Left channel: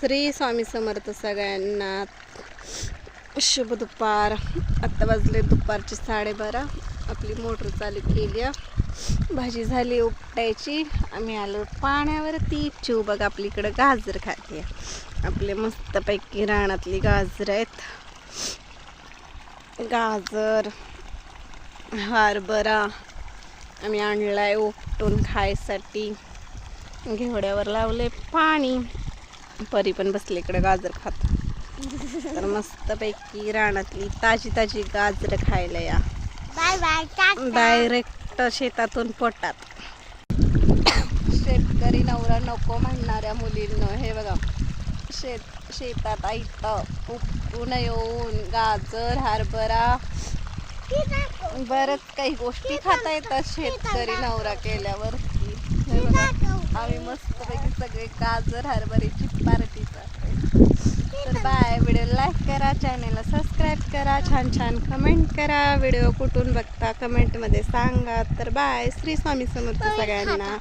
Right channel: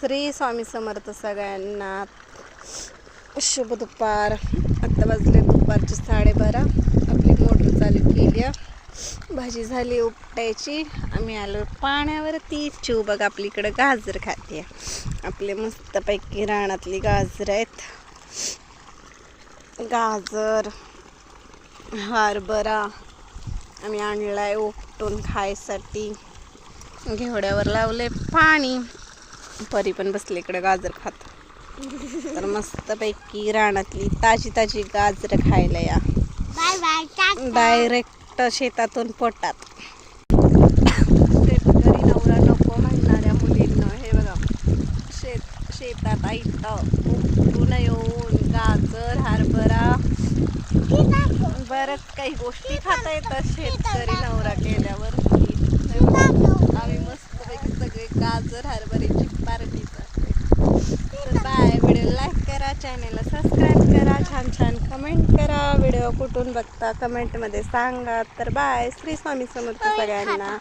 श्री स्वामी समर्थ सगळ्यांना. शुभ दुपार. आत्ता वाजले दुपारचे 12:30. आपली मोटर चालू केली. भाजी झाली उपटायची. आम्ही आलो पाण्यावरती. चिव बघ आपली इकडं गाजर खाते. आपले मस्तपैकी रानातली गाजर आहेत. गाजर हरभरा आम्ही आणलाय उपटून खायसाठी. घेवड्यावर लावले पाणी. परी पण बसले इकडे गाजर खात. तर मस्तपैकी रानातली ताजी ताजी गाजर खायला या. Bye bye. डायरेक्ट शेतातून पोटात. शेतकरी नवरा नको म्हणणाऱ्या मुलींना हे बघा शेतात आईत उपटून येऊन गाजर हरभरा बरंच काही गोष्टी खाता येतात शेतकरी नवरा केल्यावर. आम्ही मस्तपैकी सगळे गाजर हरभऱ्याची पार्टी करते. तर बाय. व्हिडिओ लाईक करा, चॅनलला सबस्क्राईब करा, छान छान कमेंट करा. व्हिडिओ कुठून बघता कमेंटमध्ये सांगा. तर बाय. श्री स्वामी समर्थ सगळ्यांना.